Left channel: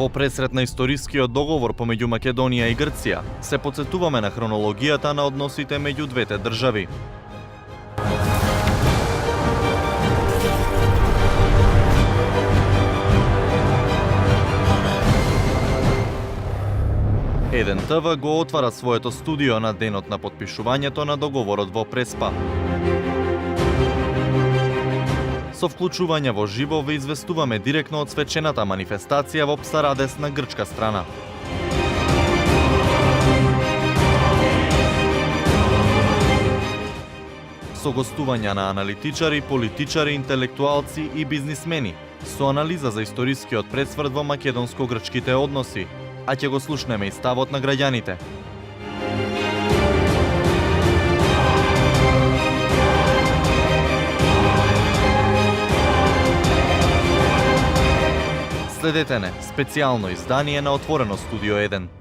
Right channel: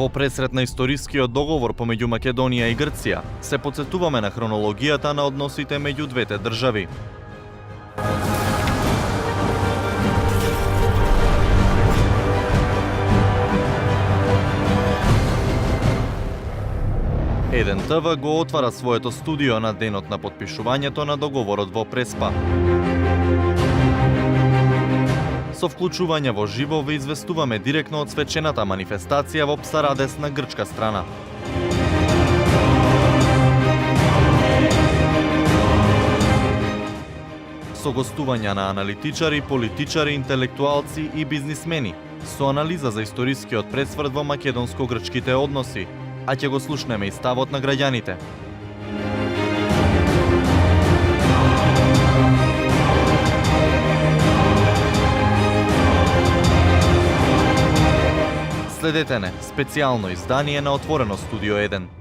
Во пресрет на историскиот договор помеѓу Македонија и Грција, се потсетуваме на хронологијата на односите меѓу двете држави. Еден ТВ го отвара своето студио на денот на потпишувањето на договорот во Преспа. Со вклучување во живо ве известуваме директно од свечената манифестација во Псарадес на грчка страна. Со гостувања на аналитичари, политичари, интелектуалци и бизнисмени, со анализа за историскиот пресврт во македонско-грчките односи, а ќе го слушнеме и ставот на граѓаните. Следете не, специјално издание на Отворено студио 1.